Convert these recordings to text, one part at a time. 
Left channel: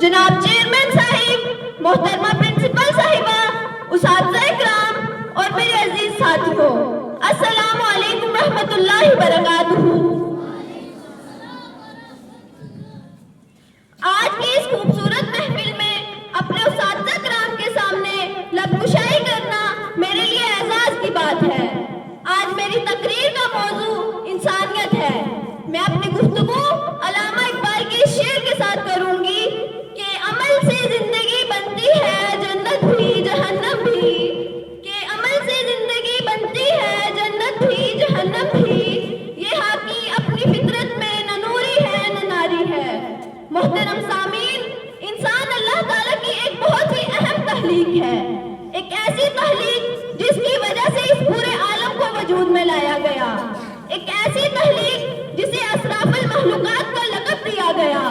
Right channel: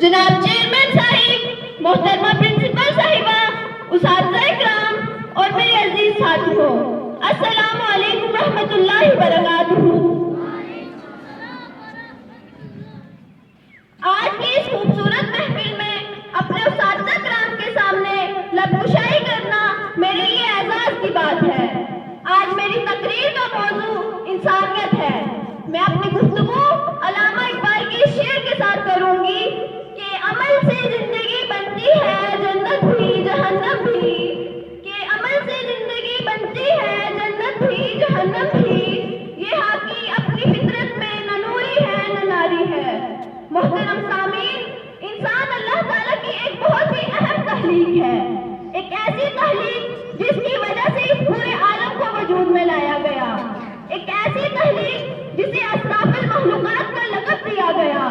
جناب چیئرمین صاحب، محترمہ پرنسپل صاحبہ، اساتذہ اکرام اور میرے عزیز ساتھیوں، السلام علیکم رحمۃ اللہ وبرکاتہ۔ آج کی اس خوبصورت محفل میں اپنے اساتذہ کرام کے سامنے لب کشائی کرنا میرے لیے اعزاز کی بات ہے۔ آج میری تقریر کا موضوع انسانیت ہے۔ میں اپنی گفتگو علامہ اقبال کے شعر کے ساتھ کروں گی کہ عمل سے زندگی بنتی ہے جنت بھی جہنم بھی، کہ عمل سے زندگی بنتی ہے جنت بھی جہنم بھی، یہ حاکی اپنی فطرت میں نہ نوری ہے نہ ناری ہے۔ محترم سامعین، انسان اللہ تعالیٰ کی ایک بہت ہی اہم تخلیق ہے، ایک ایسی تخلیق جس کی وجہ سے اس پورے عالم کو وجود میں لایا گیا، ایک ایسی تخلیق جسے اشراف المخلوقات کا لقب دیا گیا۔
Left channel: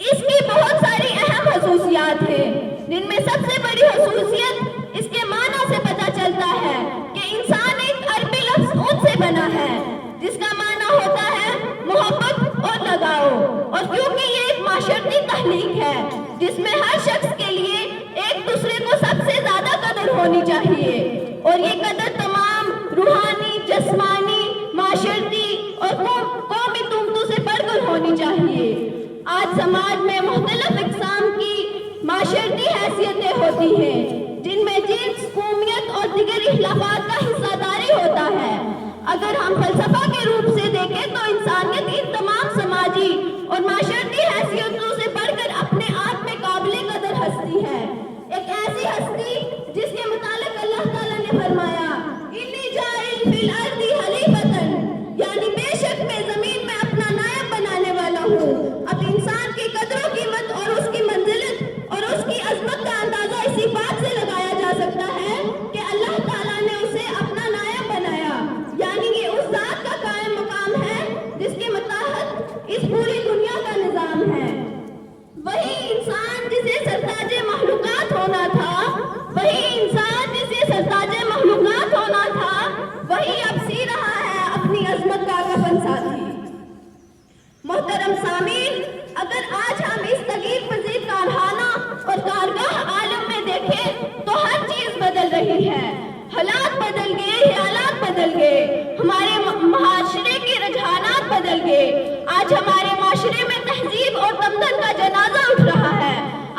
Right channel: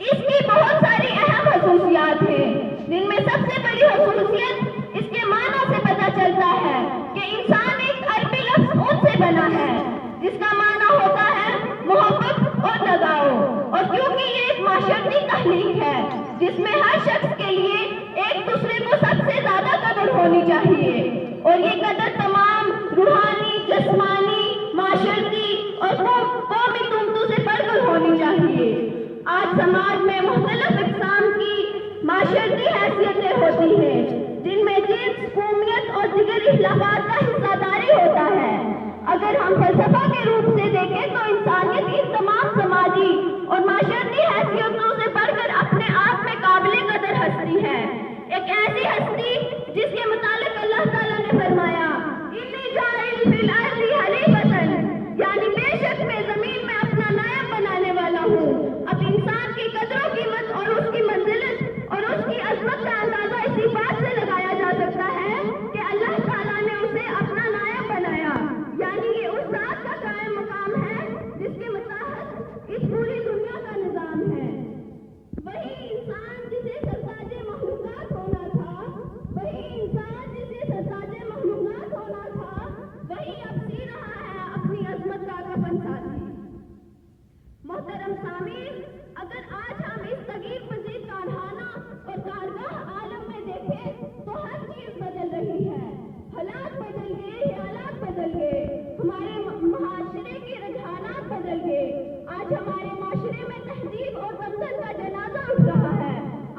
اس کی بہت ساری اہم خصوصیات ہیں، جن میں سب سے بڑی خصوصیت اس کے معنی سے پتہ چلتا ہے کہ انسان ایک عربی لفظ اون سے بنا ہے، جس کا معنی ہوتا ہے محبت اور لگاؤ۔ اور کیونکہ یہ ایک معاشرتی تخلیق ہے جس میں ہر شخص کے لیے ایک دوسرے کو سب سے زیادہ قدر ہونی چاہیے، اور یہ قدر تمام روحانی، جسمانی، معاشرتی اور قومی قیمتوں سے بڑھ کر ہونی چاہیے۔ آج سماج میں مختلف اقسام کی معاشرتی حیثیتیں ہوتی ہیں، جن میں جنس، قومیت اور دیگر اختلافات کا حصہ داری ہوتا ہے۔ اگر ہم فلسفہ کے روپ سے دیکھیں تو انسانیت ان تمام سماجی اور معاشرتی حیثیتوں سے بڑھ کر اپنے آپ میں قابل قدر ہستی ہے، ایک ایسی ہستی جس کے متعلق اللہ تعالیٰ نے فرمایا انی جاعل فی الارض خلیفۃ، یعنی بے شک میں زمین میں اپنا نائب بنانے والا ہوں۔ اب انسان کی قدر و قیمت اور اس کی منزلت اور اس کی عظمت کا اندازہ اسی بات سے لگایا جا سکتا ہے کہ اللہ تعالیٰ نے اسے اپنا نائب بنایا، یعنی یہ اس ذات کا قائم مقام ہے جس کے متحد اس پوری دنیا کا نظام ہے۔ وہی انسان جسے سرتاج مخلوقات ہونا تھا، وہی انسان جسے سرتاج مخلوقات ہونا تھا، وہی اب سی رہا ہے اپنی عظمت کا کفن ساتھی۔ محترم سامعین، اگر آج ہم اس تغیر پذیر کارخانہ اور کارگاہ عالم میں دیکھیں تو ہر چیز بدل رہی ہے، حالات بدل گئے، خیالات بدل گئے، ہمارے معاشرے کے رجحانات بدل گئے۔ آج ہمارے معاشرے میں تہذیب اور تمدن کا جنازہ اٹھ رہا ہے۔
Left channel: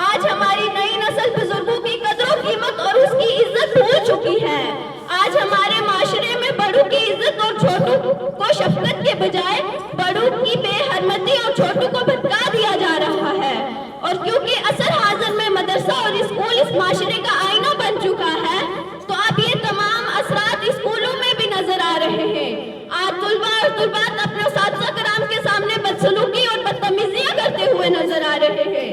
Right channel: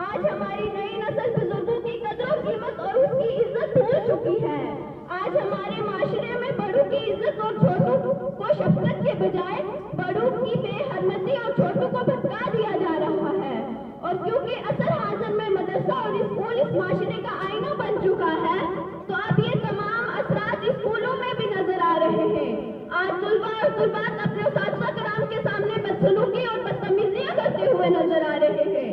آج ہماری نئی نسل بزرگوں کی قدر و قیمت اور اس کی عزت بھول چکی ہے۔ آج ہمارے معاشرے میں بڑوں کی عزت اور چھوٹوں کو شفقت کے بجائے بڑوں کی بے حرمتی اور چھوٹوں کو بھٹکا دیا جا رہا ہے۔ اور کیونکہ عصر حاضر میں مدرسہ اور اسکول اس معاشرے کا آئینہ بن چکا ہے، تو اب یہ تمام اثرات اسکولوں میں بھی نظر آ رہے ہیں۔ آج طلباء اور طلبات اپنے اساتذہ کرام کے سامنے بدسلوکی اور بدتمیزیاں کرتے ہوئے نظر آ رہے ہیں۔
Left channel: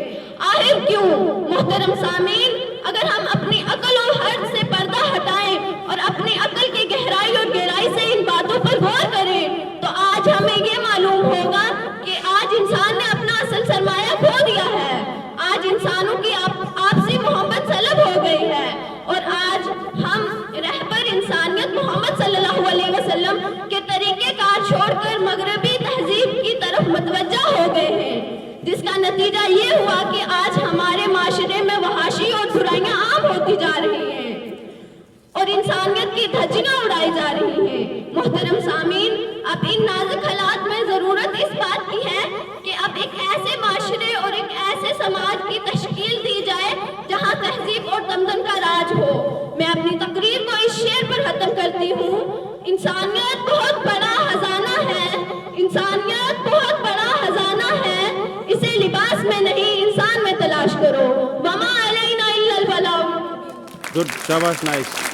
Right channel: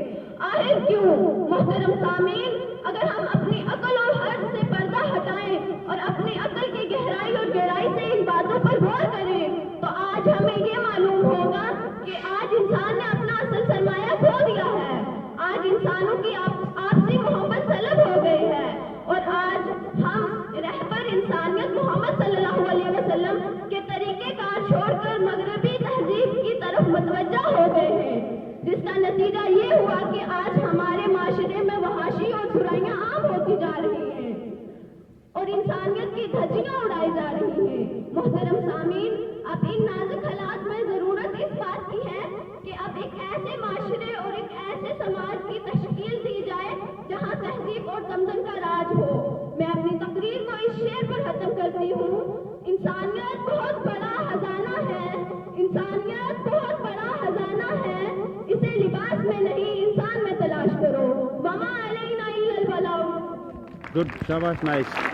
آخر کیوں؟ محترم سامعین، اگر ہم اپنی عقل اور حرص سے پردہ ہٹائیں اور اپنی عقل کی گہرائی اور گہرائی سے ان باتوں پر غور کریں تو آج ہمیں یہ معلوم ہوگا کہ آج انسان نے اپنا اصل سرمایہ کھو دیا ہے۔ آج انسانوں کی آپسی محبت سلب ہو گئی ہے، اور آج ہم رہبر انسانیت محمد صلی اللہ علیہ وسلم کے طریقے کار چھوڑ کر مغربی تہذیب کی طرف متوجہ ہو گئے ہیں، جس کا نتیجہ یہ ہوا کہ آج ہمارے معاشرے میں وحشی اور برائیاں عام ہوتی جا رہی ہیں اور انسانیت کی دھجیاں اڑائی جا رہی ہیں۔ محترم سامعین، اب ان نازک حالات میں ضرورت اس بات کی ہے کہ اب ایک ایسے معاشرے اور ایک ایسے سماج کی تشکیل دی جائے جہاں تہذیب اور تمدن کا راج ہو۔ میں اپنی تقریر کو اس شعر پر ختم کرتی ہوں۔ انسانیت بہت بڑا خزانہ ہے، انسانیت بہت بڑا خزانہ ہے، اسے لباس میں نہیں انسان میں تلاش کرو۔ وما علینا الا البلاغ۔ Good, شاباش، نائس۔